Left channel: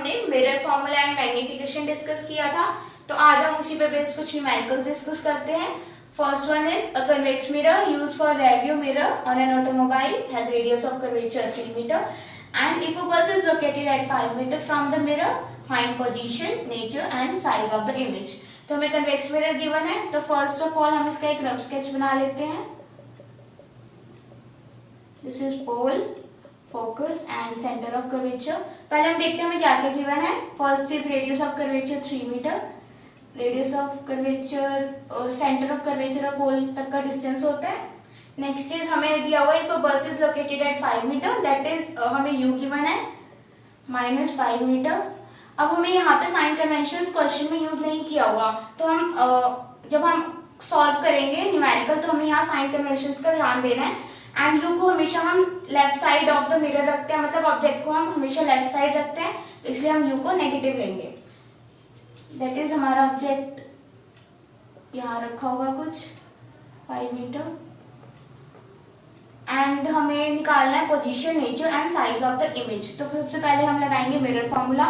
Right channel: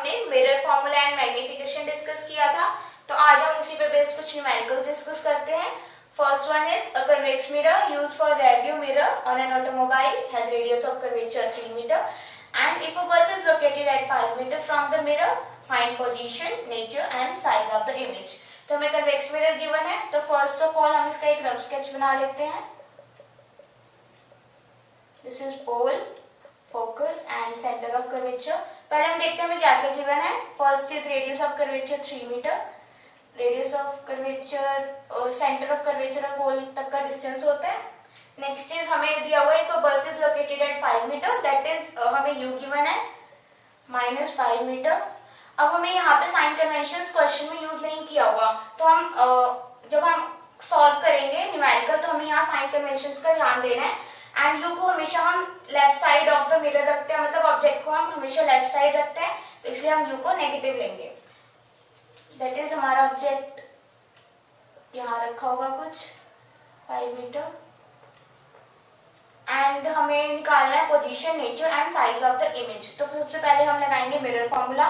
हमने mirror formula and magnification discuss किया था, तो आज हम उसी पे बेस्ड कुछ न्यूमेरिकल्स डिस्कस करते हैं। First one is a convex mirror used for radio mirror on an automobile has radius of curvature 3 metre and if a bus is located at 5 metre from the mirror, find position, nature and size of the image. तो हमें convex mirror given है, तो first of all हम इसका एक rough sketch बना लेते हैं। This is pole, focus and centre of curvature. पहले हम देखते हैं हमें क्या क्या गिवन है। First is radius of curvature 3 metre, radius of curvature, centre of curvature और पोल तक का डिस्टेंस होता है। नेक्स्ट इज हमें दिया हुआ है if a bus is located at 5 metre, that is हमें यू गिवन है -5 मीटर। अब हमें यहाँ पे साइन कन्वेंशन क्वेश्चन में यूज नहीं किया हुआ, तो हम जब हम सॉल्व करेंगे न्यूमेरिकल तो हमें यहाँ साइन कन्वेंशन का ध्यान देना है। एंड यू को हमेशा हम left side of the mirror रखते हैं, मतलब ऑब्जेक्ट को हम हमेशा लेफ्ट साइड रखते हैं, तो इसलिए हम यू को नेगेटिव लेंगे। दैट इज हमारा ऑब्जेक्ट यहाँ रखा होगा कुछ 5 मीटर एंड हमें निकालना है position, nature and size of the image. तो सबसे पहले हम लगाएंगे mirror formula,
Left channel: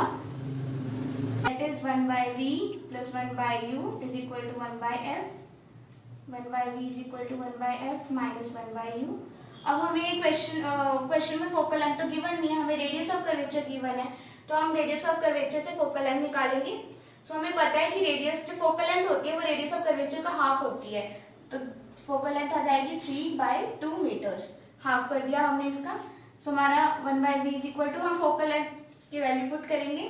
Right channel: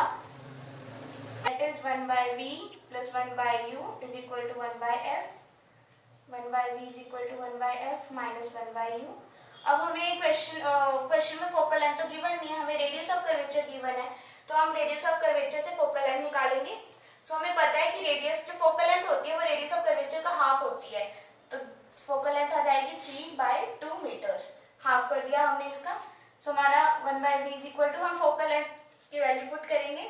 that is 1/v plus 1/u is equal to 1/f, 1/v is equal to 1/f minus 1/u। अब हमें क्वेश्चन में फोकल लेंथ तो गिवन नहीं है, हमें रेडियस ऑफ कर्वेचर गिवन है, तो हम रेडियस ऑफ कर्वेचर से फोकल लेंथ निकालेंगे। सो हमें पता है कि रेडियस जो फोकल लेंथ होती है वो रेडियस ऑफ कर्वेचर का हाफ होती है, तो फोकल लेंथ आ जाएगी 3/2 मीटर। हाफ कर दिया हमने इसका। सो हमारा 1/v is equal to, हम फोकल लेंथ की वैल्यू पुट करेंगे,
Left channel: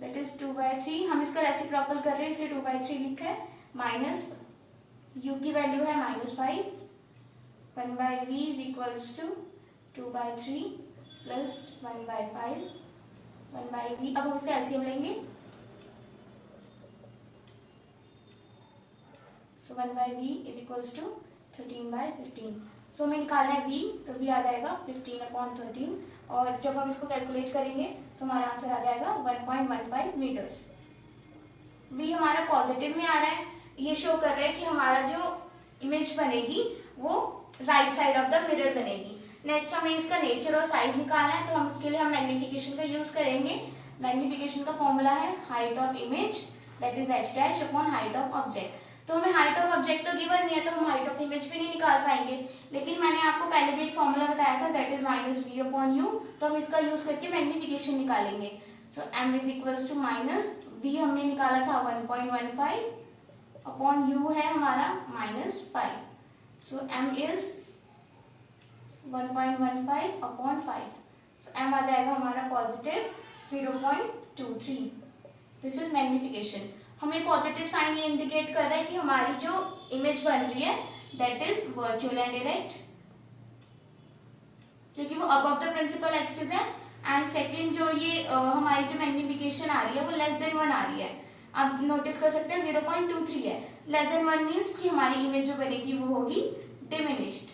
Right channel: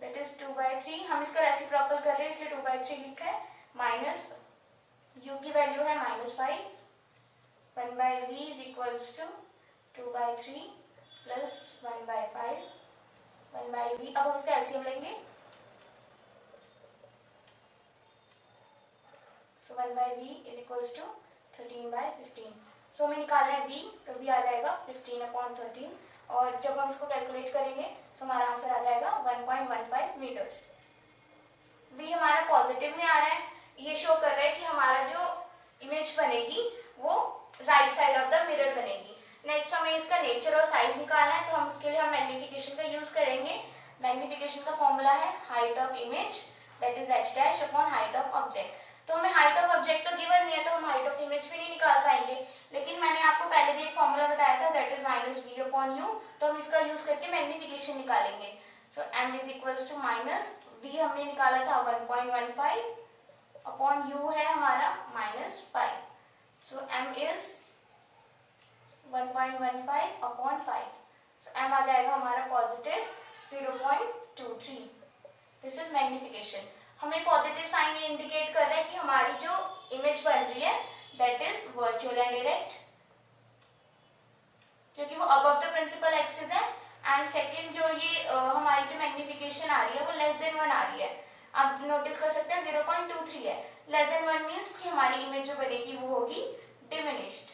दैट इज 2/3। हम इसका रेसिप्रोकल कर रहे हैं इसलिए 2/3 लिखा है, माइनस u की वैल्यू है -5, 1/v is equals to 2/3 plus 1/5, 1/v। अब हम इसका एलसीएम लेंगे, सो 1/v is equals to 13/15। सो हमें निकालना है v, तो v आ जाएगा 15/13, और जब हम इसको कैलकुलेट करेंगे तो हमारा आंसर आ जाएगा 1.15 मीटर। v हमारा पॉजिटिव में आ रहा है, ये शो कर रहा है कि हमारा जो इमेज बनेगी वो right side of the mirror बनेगी। नेक्स्ट हमें इसका नेचर और साइज निकालना है, तो हम उसके लिए हम मैग्निफिकेशन का यूज करेंगे। मैग्निफिकेशन का फॉर्मूला है height of image, that is h' upon height of object. तो हमें हाइट ऑफ ऑब्जेक्ट तो गिवन नहीं है, तो हम हाइट ऑफ इमेज भी नहीं निकाल पाएंगे, लेकिन मैंने आपको पहले भी एक फॉर्मूला बताया था, दैट इज -v/u, तो हम इसका यूज करके मैग्निफिकेशन निकालेंगे। So m is equals to -v हमने निकाला था 1.15 अपॉन u है हमारा -5, सो m is 1.15 upon 5, so m आ जाएगा हमारा पॉजिटिव 0.23। This is magnification. हमें पॉजिटिव साइन ये इंडिकेट कर रहा है कि हमारी जो इमेज बन रही है that is virtual and direct, क्योंकि वो अबव द प्रिंसिपल एक्सिस है। एंड सेकंड जो ये हमारी जो मैग्निफिकेशन आ रही है वो लेस देन 1 आ रही है। आप नोटिस कर सकते हैं 0.23 है, लेस देन 1 मीन्स कि हमारी इमेज जो बनेगी वो होगी डिमिनिश्ड।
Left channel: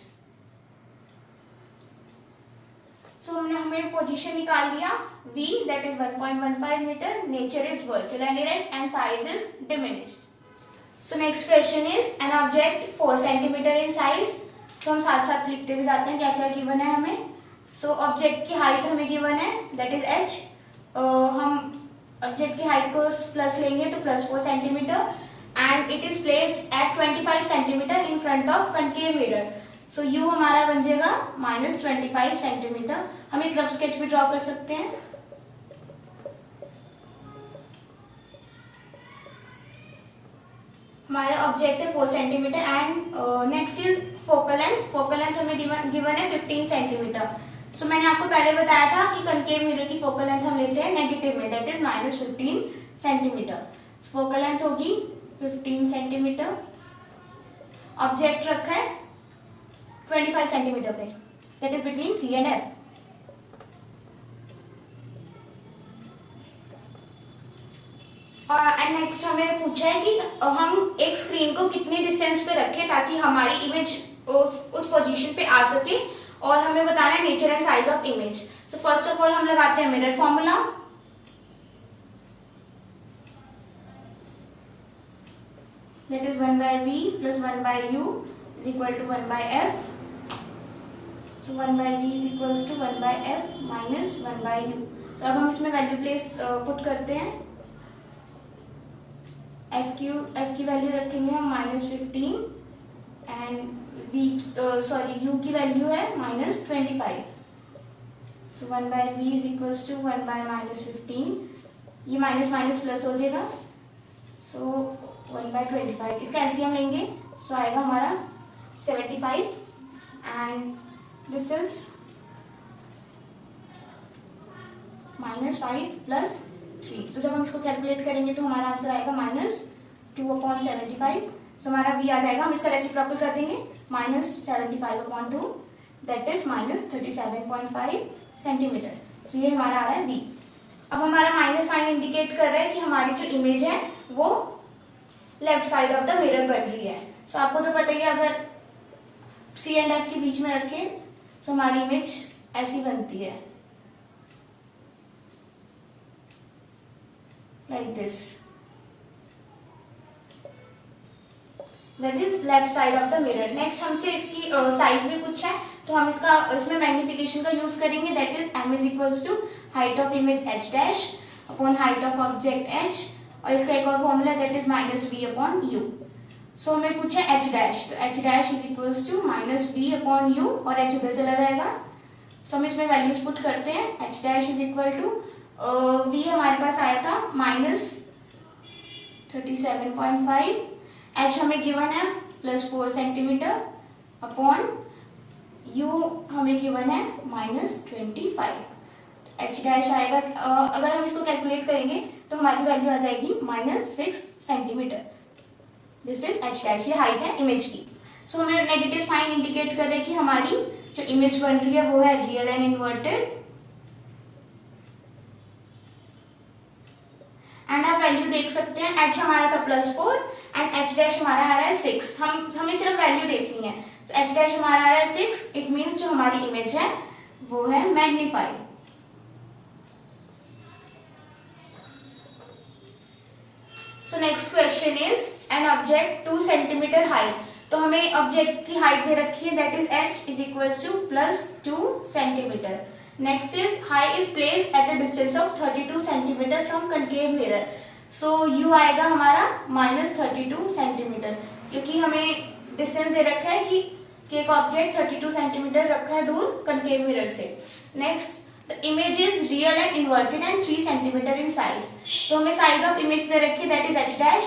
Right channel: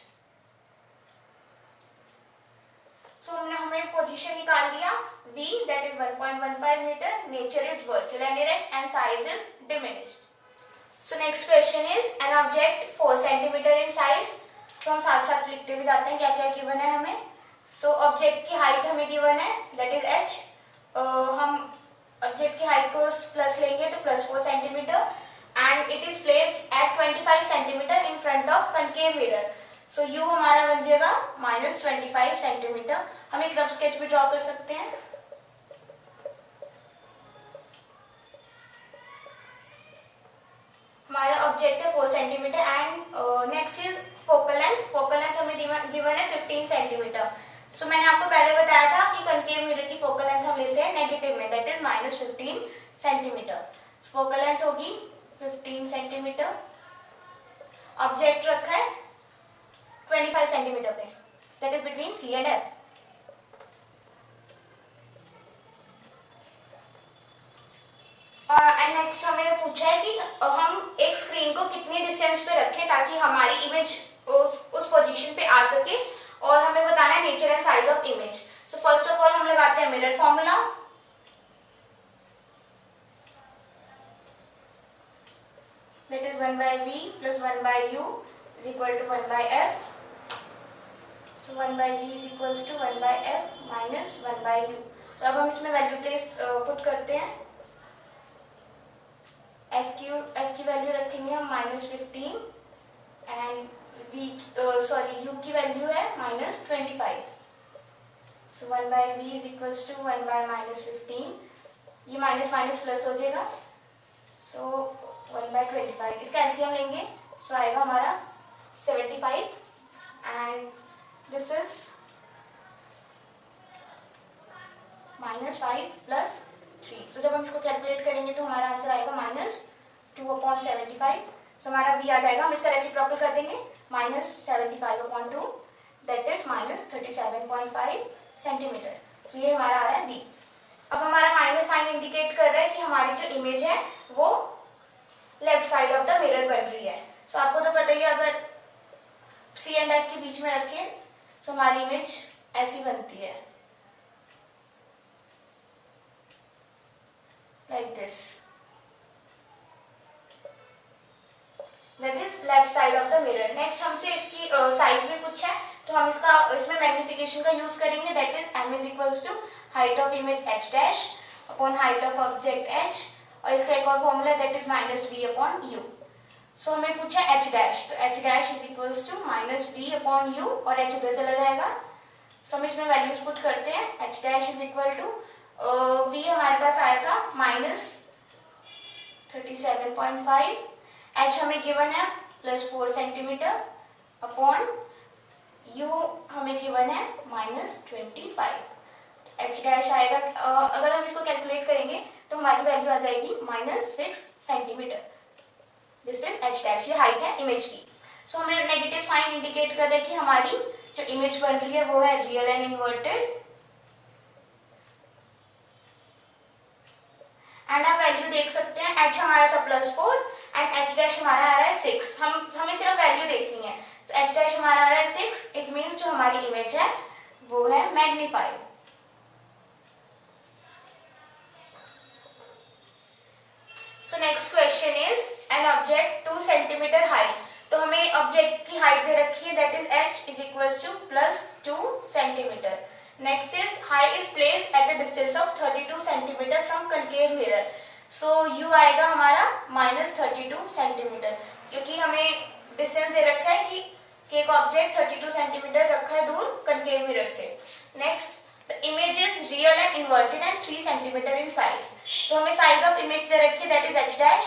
सो हमें पोजीशन निकाल दिया, v that is 1.15 metre, nature is virtual and direct and size is diminished. So next question is an object 4 centimetre in size. सो हम साथ साथ लिखते भी जाते हैं क्या क्या गिवन है हमें। सो ऑब्जेक्ट की हाइट हमें गिवन है, दैट इज h। हम ऑब्जेक्ट की हाइट को प्लस लेंगे तो +4 centimetre and it is placed eight 25 centimetre in front of concave mirror. So u हमारा बन जाएगा -25 सेंटीमीटर। हम एक रफ स्केच भी ड्रॉ कर सकते हैं। हमारा ऑब्जेक्ट है 4 centimetre and next is focal length. Focal length हमें गिवन है 15 सेंटीमीटर। सो मैंने आपको पहले बताया था कि कनकेव मिरर की फोकल लेंथ हम लेते हैं नेगेटिव में, that is -15 centimetre. Focal length होगी 15 सेंटीमीटर, ऑब्जेक्ट रखा है 25 सेंटीमीटर पे, that is between C and F। And next हमें पूछा है कि हम एक स्क्रीन को कितनी डिस्टेंस पे रखें ताकि हमारी इमेज उस पोजीशन पे आ सके, और हमें बताना है nature and size of image. So first of all हम लगाते हैं mirror formula, that is 1/v plus 1/u is equal to 1/f। So 1/v is equals to 1/f minus 1/u. तो अब हम इसमें वैल्यू प्लेस पुट करते हैं। F की वैल्यू रखेंगे हम -15 एंड यू की वैल्यू है -25। सो 1/v इज इक्वल्स टू 1/-15, ये माइनस माइनस प्लस हो जाएगा, सो 1/25। इसका एलसीएम लेंगे, सो आएगा हमारा 75 एंड दिस इज -5 + 3। तो जब हम इसको कैलकुलेट करेंगे तो हमारा आंसर आएगा -2/75। सो हमारा v आ जाएगा, हम इसका रेसिप्रोकल कर देंगे, -75/2 दैट इज -37.5 सेंटीमीटर। सो ये हमारा आ रहा है v। अब हमारा माइनस साइन इंडिकेट कर रहा है कि हमारी जो इमेज है वो left side of the mirror बन रही है। सो आपको तो पता ही है, अगर C एंड F के बीच में रखें तो हमारी इमेज ऐसी बनती है, like this, that is left side of the mirror. Next हमसे इसकी साइज में पूछा है, तो हम इसमें मैग्निफिकेशन का यूज करेंगे, that is m is equals to height of image h dash upon height of object h, और इसका एक और फॉर्मूला दैट इज -v/u। सो हमें पूछा h डैश, तो h dash is equals to -v/u और h उधर चला जाएगा। सो हम इसमें वैल्यूज पुट करते हैं, h dash is equal to v हमारे पास आया था -37.5, h हमें गिवन है +4 सेंटीमीटर अपॉन u हमें गिवन है -25। h डैश आएगा, अगर हम इसको कैलकुलेट करेंगे तो हमारी वैल्यू आ जाएगी -6 centimetre. This is h dash, ये हाइट है इमेज की। सो हमें नेगेटिव साइन इंडिकेट कर रहे हैं कि हमारी जो इमेज बन रही है वो है रियल एंड इन्वर्टेड, एंड आप वैल्यू देख सकते हैं, h हमारा था +4 एंड h डैश हमारा आ रहा है 6। हमें सिर्फ वैल्यू देखनी है, तो h डैश हमारा आ रहा है 6, इट मीन्स जो हमारी इमेज है वो है magnified. So next question is an object 2 centimetre height. तो हमें ऑब्जेक्ट की हाइट दे रखी है, that is h is equals to +2 centimetre. Next is high is placed at a distance of 32 centimetre from concave mirror. So u आएगा हमारा -32 centimetre, क्योंकि हमें डिस्टेंस दे रखा है कि एक ऑब्जेक्ट 32 सेंटीमीटर रखा है दूर कनकेव मिरर से। Next, the image is real and inverted and 3 centimetre in size. तो हमें साइज ऑफ इमेज दे रखी है, that is h dash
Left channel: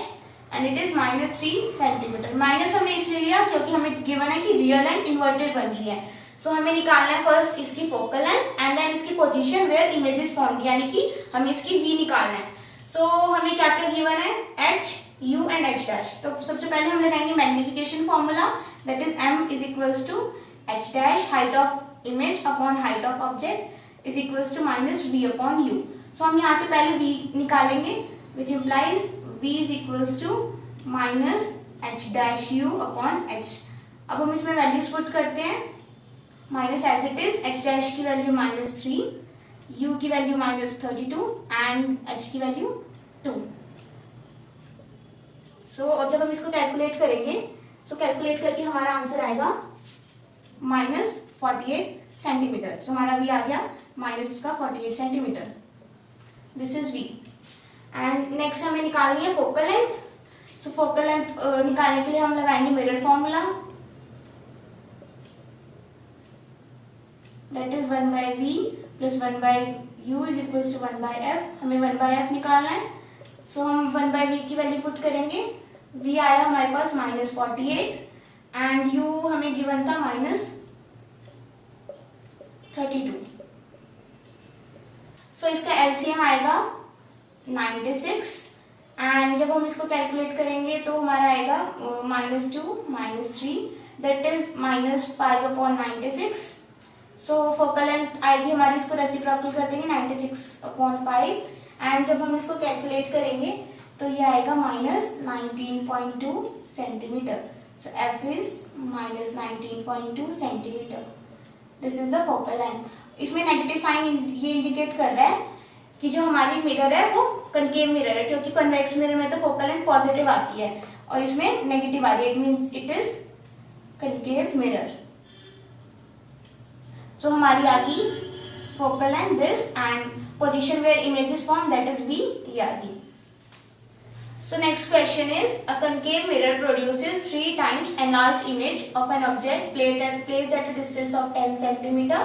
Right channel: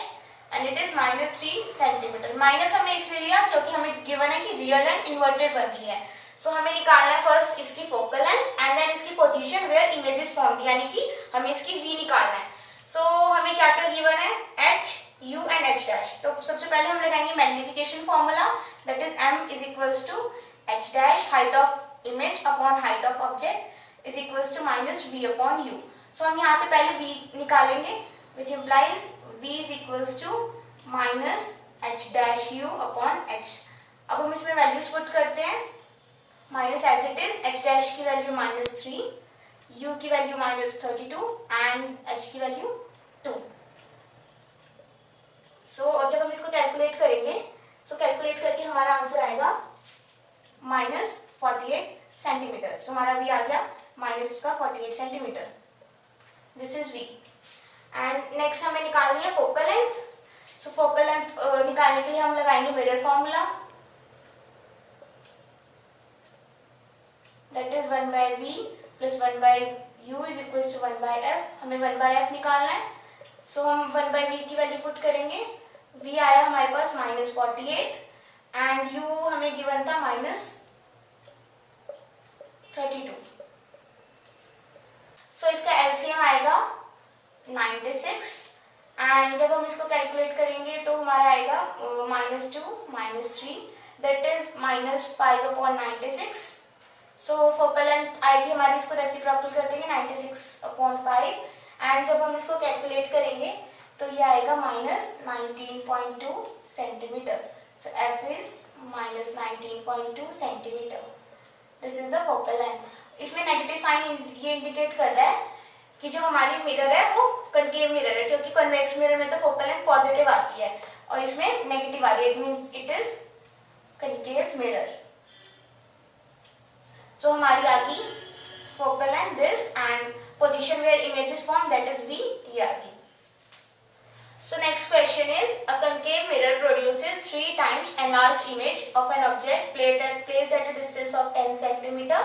and it is -3 centimetre. Minus हमने इसलिए लिया क्योंकि हमें गिवन है कि रियल एंड इन्वर्टेड बन रही है। सो हमें निकालना है फर्स्ट इसकी फोकल लेंथ एंड देन इसकी position where image is found, यानी कि हमें इसकी v निकालना है। सो हमें क्या क्या गिवन है, h, u and h dash. तो सबसे पहले हम लगाएंगे magnification formula, that is m is equals to h dash height of image upon height of object is equals to -v/u। So हम यहाँ से पहले v निकालेंगे, which implies v is equals to -h dash u upon h। अब हम इसमें values put करते हैं, minus as it is, h dash की वैल्यू -3, u की वैल्यू -32 एंड h की वैल्यू 2। सो जब हम इसको कैलकुलेट करेंगे, सो कैलकुलेट करके हमारा आंसर आएगा -48 सेंटीमीटर। सो हमारा v आ गया -48 centimetre. This is v। And next हमें निकालनी है focal length. So focal length निकालने के लिए हम लगाएंगे mirror formula, that is 1/v + 1/u is equal to 1/f। हमें 1/f निकालना है, सो हम 1/v की वैल्यू पुट करेंगे, v आया हमारे पास -48 एंड u हमें गिवन था -32। सो इसका एलसीएम आएगा 96 एंड जब हम इसको कैलकुलेट करेंगे तो हमारा आएगा -2 -3 that is -5/96। So focal length आएगी हमारी, इसको रेसिप्रोकल कर देंगे 96/5 एंड जब हम इसको कैलकुलेट करेंगे तो ये आएगा -19.2 centimetre. So f is -19.2 centimetre. This is the focal length. इसमें नेगेटिव साइन ये इंडिकेट कर रहा है कि जो हमारी मिरर है वो कनकेव मिरर है, क्योंकि कन्वेक्स मिरर में तो फोकल लेंथ पॉजिटिव आती है और इसमें नेगेटिव आ रही है, it means it is concave mirror. So हमारी आ गई focal length this and position where image is formed, that is V, ये आ गई. So next question is, a concave mirror produces 3 times enlarged image of an object placed at a distance of 10 centimeter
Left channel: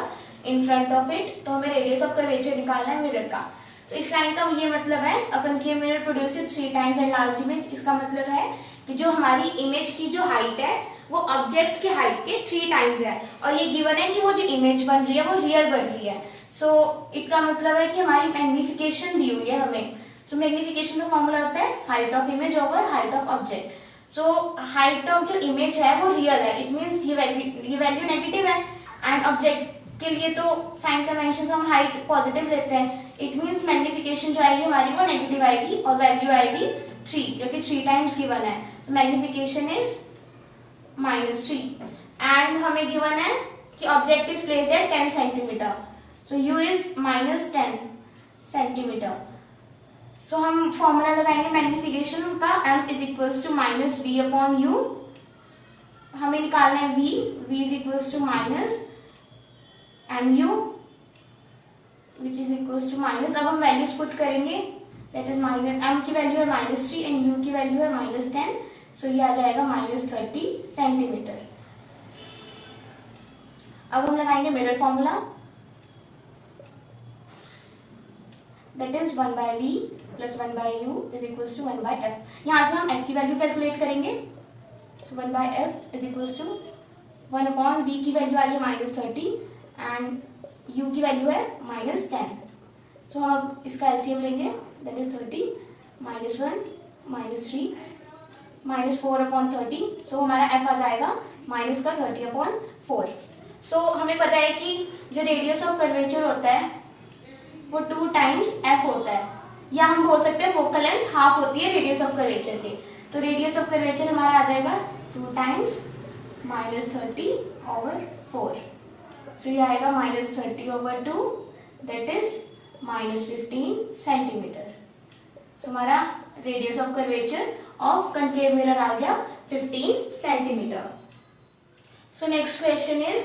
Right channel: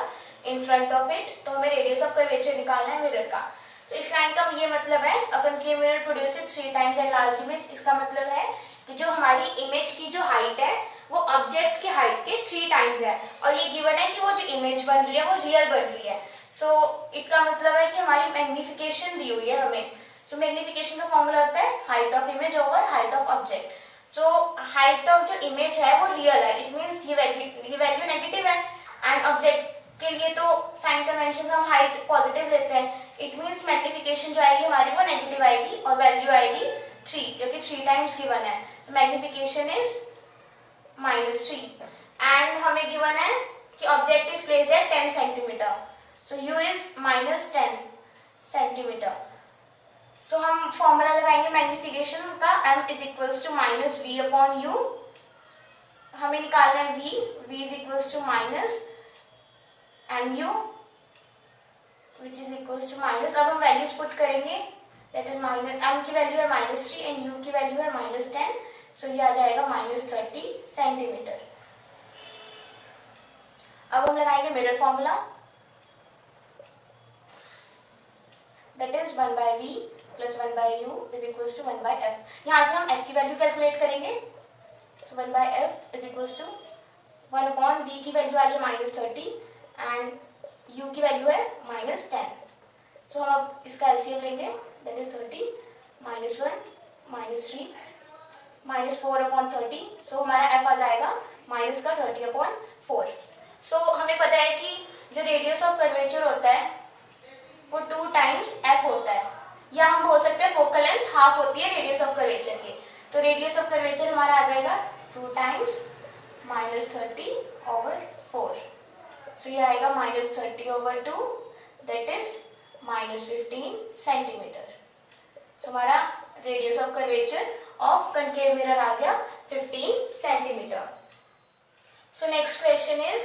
in front of it. तो हमें radius of curvature निकालना है mirror का. तो इस line का ये मतलब है, a concave mirror produces 3 times enlarged image. इसका मतलब है कि जो हमारी इमेज की जो हाइट है वो ऑब्जेक्ट की हाइट के 3 टाइम्स है, और ये गिवन है कि वो जो इमेज बन रही है वो रियल बन रही है. सो इसका मतलब है कि हमारी मैग्निफिकेशन दी हुई है हमें. सो मैग्निफिकेशन का फॉर्मूला होता है height of image over height of object. So height of जो इमेज है वो रियल है, इट मीन्स ये वैल्यू नेगेटिव है, एंड ऑब्जेक्ट के लिए तो साइन कन्वेंशन हम हाइट पॉजिटिव लेते हैं. इट मीन्स मैग्निफिकेशन जो आएगी हमारी वो नेगेटिव आएगी और वैल्यू आएगी 3, क्योंकि 3 टाइम्स गिवन है. तो मैग्निफिकेशन इज -3, एंड हमें गिवन है कि object is placed at 10 centimetre. So u is -10 centimetre. So हम फॉर्मूला लगाएंगे मैग्निफिकेशन का, m is equals to -v upon u. हमें निकालना है v is equals to -mu which is equals to minus. अब हम वैल्यूज पुट करेंगे, that is m की वैल्यू है -3 एंड u की वैल्यू है -10. सो ये आ जाएगा -30 सेंटीमीटर. अब हम लगाएंगे mirror formula, that is 1/v plus 1/u is equals to 1/f. यहां से हम f की वैल्यू कैलकुलेट करेंगे. So 1/f is equals to 1 upon v की वैल्यू आई है -30 एंड u की वैल्यू है -10. सो हम अब इसका एलसीएम लेंगे, दैट इज 30 -1 -3 -4 अपॉन 30. सो हमारा f आ जाएगा माइनस का 30 अपॉन 4. सो हमें पता है कि जो रेडियस ऑफ कर्वेचर होता है वो 2 टाइम्स f होता है, या हम बोल सकते हैं फोकल लेंथ हाफ होती है रेडियस ऑफ कर्वेचर के. तो रेडियस ऑफ कर्वेचर हमारा आ जाएगा 2 टाइम्स -30 ओवर 4. सो ये आएगा -30 over 2, that is -15 centimetre. So हमारा radius of curvature of concave mirror आ गया 15 centimetre. So next question is,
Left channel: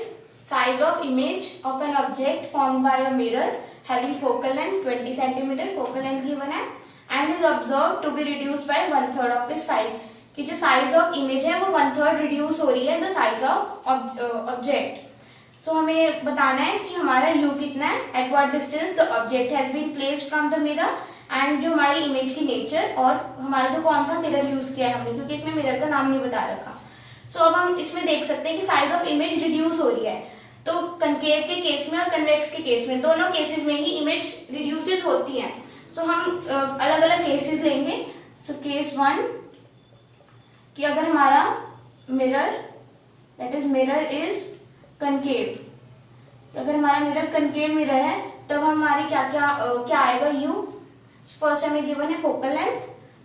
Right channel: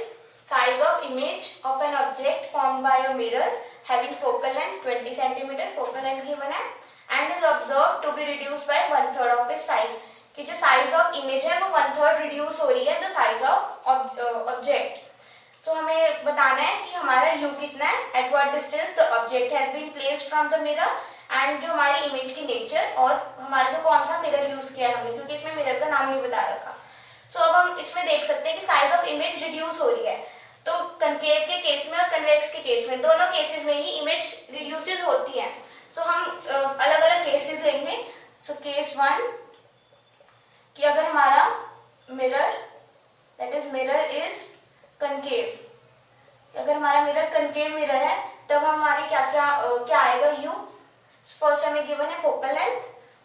size of image of an object formed by a mirror having focal length 20 cm, focal length given है, and is observed to be reduced by 1/3 of its size. कि जो size of image है वो 1/3 reduce हो रही है the size of object. So हमें बताना है कि हमारा u कितना है, at what distance the object has been placed from the mirror, and जो हमारी इमेज की नेचर और हमारा जो कौन सा मिरर यूज किया है हमने, क्योंकि इसमें मिरर का नाम नहीं बता रखा. सो अब हम इसमें देख सकते हैं कि साइज ऑफ इमेज रिड्यूस हो रही है. तो कंकेव के केस में और कन्वेक्स के केस में, दोनों केसेस में ही इमेज रिड्यूसेस होती है. सो हम अलग अलग केसेस लेंगे. सो केस 1 कि अगर हमारा mirror, that is mirror is concave, अगर हमारा मिरर कंकेव मिरर है तब हमारे क्या आएगा u. फर्स्ट हमें गिवन है focal length.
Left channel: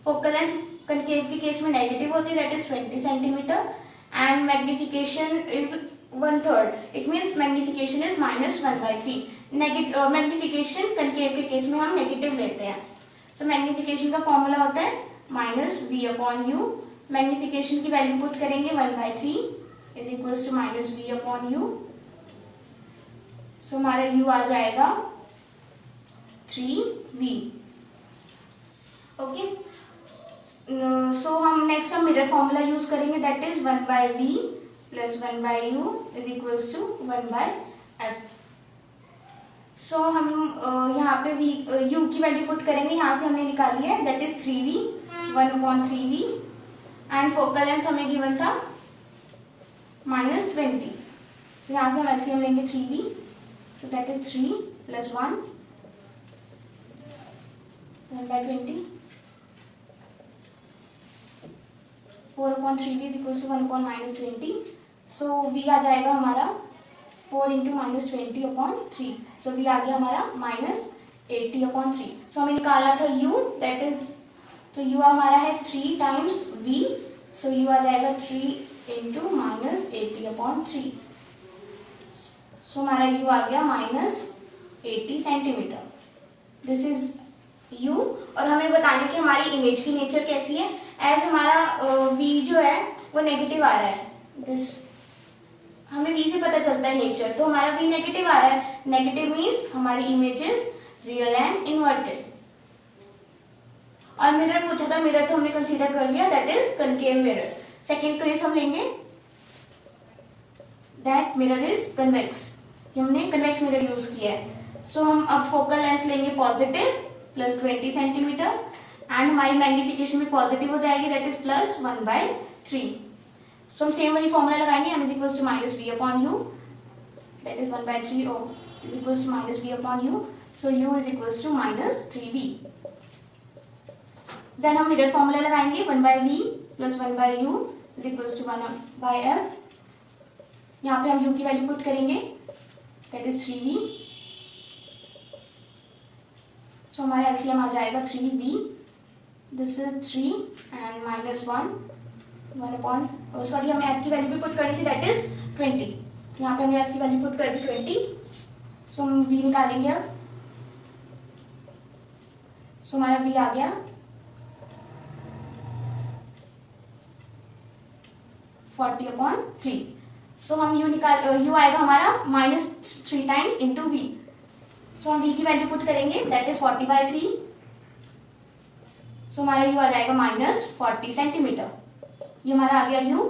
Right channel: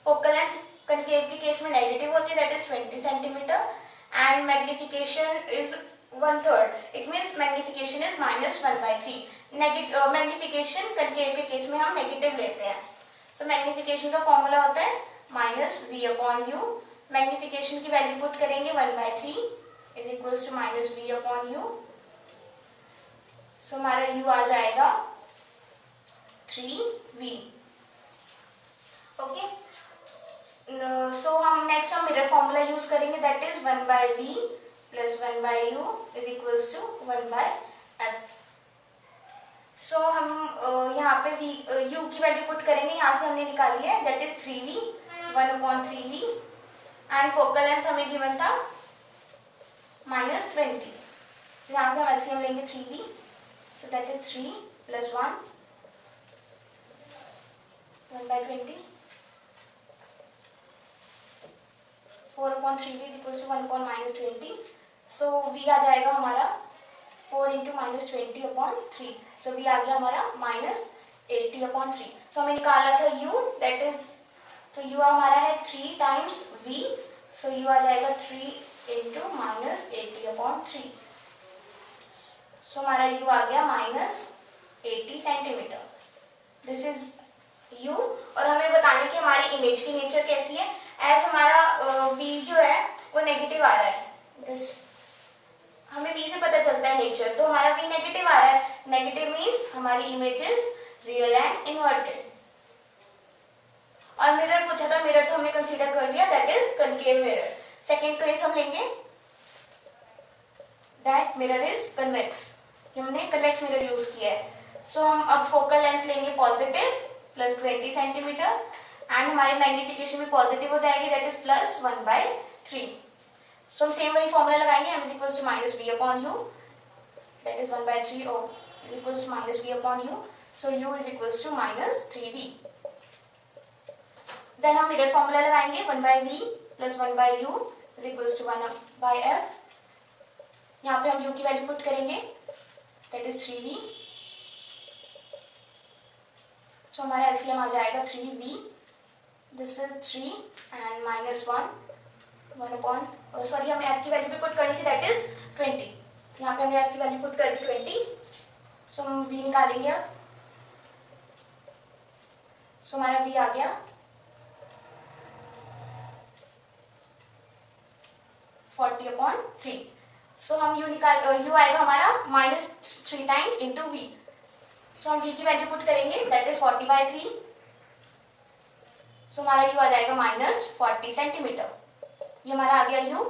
Focal length concave के केस में नेगेटिव होती है, that is 20 centimetre, and magnification is 1/3. It means magnification is -1/3. Magnification concave के केस में हम नेगेटिव लेते हैं. सो मैग्निफिकेशन का फॉर्मूला होता है -v अपॉन u. मैग्निफिकेशन की वैल्यू पुट करेंगे 1/3 is equals to -v upon u. So हमारा u आ जाएगा 3v. ओके. सो हम नेक्स्ट हम मिरर फॉर्मूला यूज करेंगे, that is 1/v plus 1/u is equals to 1/f. So हम यहाँ पे u की वैल्यू पुट करेंगे, यहाँ से हमने निकाली है, that is 3v 1/3v, and focal length हमें गिवन था -20. तो यहाँ से हम एलसीएम लेंगे 3v. So that is 3 plus 1/20. 4/3v is equals to 1/-20. So v आ जाएगा हमारा 4 into -20 upon 3. सो v आ गया हमारा -80 upon 3. सो हमें निकालना था u, दैट इज, तो u हमारा है 3 टाइम्स v. सो u आ जाएगा 3 into -80 upon 3. सो हमारा u आ गया -80 सेंटीमीटर. This is u. और हमें बताने की हमारी इमेज की नेचर कैसी है. एज हमारा v जो है वो नेगेटिव आ रहा है, दिस हमें v से पता चलता है नेचर, तो हमारा v नेगेटिव आ रहा है. नेगेटिव मीन्स हमारी image is real and inverted. और मिरर पूछा था, मिरर तो हमने कंसीडर कर लिया, that is concave mirror. Second case हम लेंगे, दैट मिरर इज कन्वेक्स। हमने कन्वेक्स मिरर यूज किया है। सो हम अब फोकल लेंथ लेंगे पॉजिटिव प्लस 20 सेंटीमीटर एंड हमारी मैग्निफिकेशन भी पॉजिटिव हो जाएगी, दैट इज प्लस 1/3। सो हम सेम वही फॉर्मूला लगाएंगे, m is equal to minus v upon u, that is 1/3 ओ equal to minus v upon u. So u is equal to minus 3v। Then हम mirror formula लगाएंगे, 1/v plus 1/u is equal to 1/f। यहाँ पे हम u की value put करेंगे, that is 3v। सो हमारा LCM आ जाएगा 3v, this is 3 and minus 1 upon, sorry हमें f की वैल्यू भी पुट करनी थी, दैट इज 20। यहाँ पे हमने f की वैल्यू पुट कर दी 20। सो हम v निकालेंगे अब। सो हमारा v आ गया 40/3। सो हम u आएगा हमारा -3 टाइम्स इंटू v। सो हम v की वैल्यू पुट करेंगे, दैट इज 40/3। सो हमारा u आ जाएगा -40 सेंटीमीटर। ये हमारा आ गया u।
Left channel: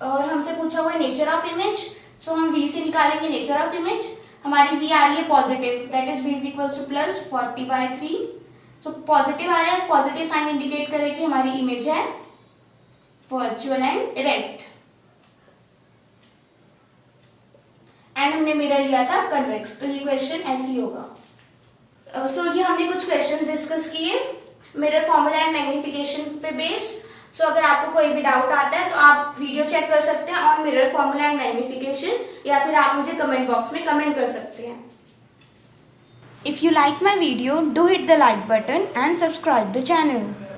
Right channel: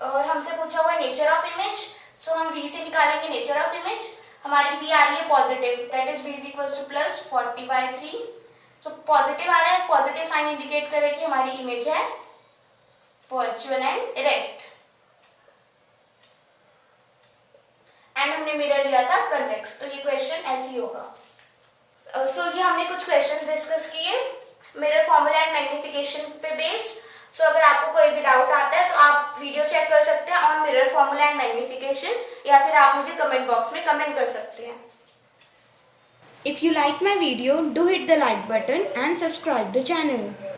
और हमसे पूछा हुआ है नेचर ऑफ इमेज। सो हम v से निकालेंगे नेचर ऑफ इमेज। हमारी v आ रही है positive, that is v is equal to plus 40/3। So positive आ रहा है, पॉजिटिव साइन इंडिकेट करे कि हमारी इमेज है वर्चुअल एंड इरेक्ट। एंड हमने मिरर लिया था कन्वेक्स, तो ये क्वेश्चन ऐसे ही होगा। सो ये हमने कुछ क्वेश्चन डिस्कस किए मिरर फॉर्मूला एंड मैग्निफिकेशन पे बेस्ड। सो अगर आपको कोई भी डाउट आता है तो आप वीडियो चेक कर सकते हैं on mirror formula and magnification, या फिर आप मुझे कमेंट बॉक्स में कमेंट कर सकते हैं। If you like my video, do hit the like button and subscribe the channel.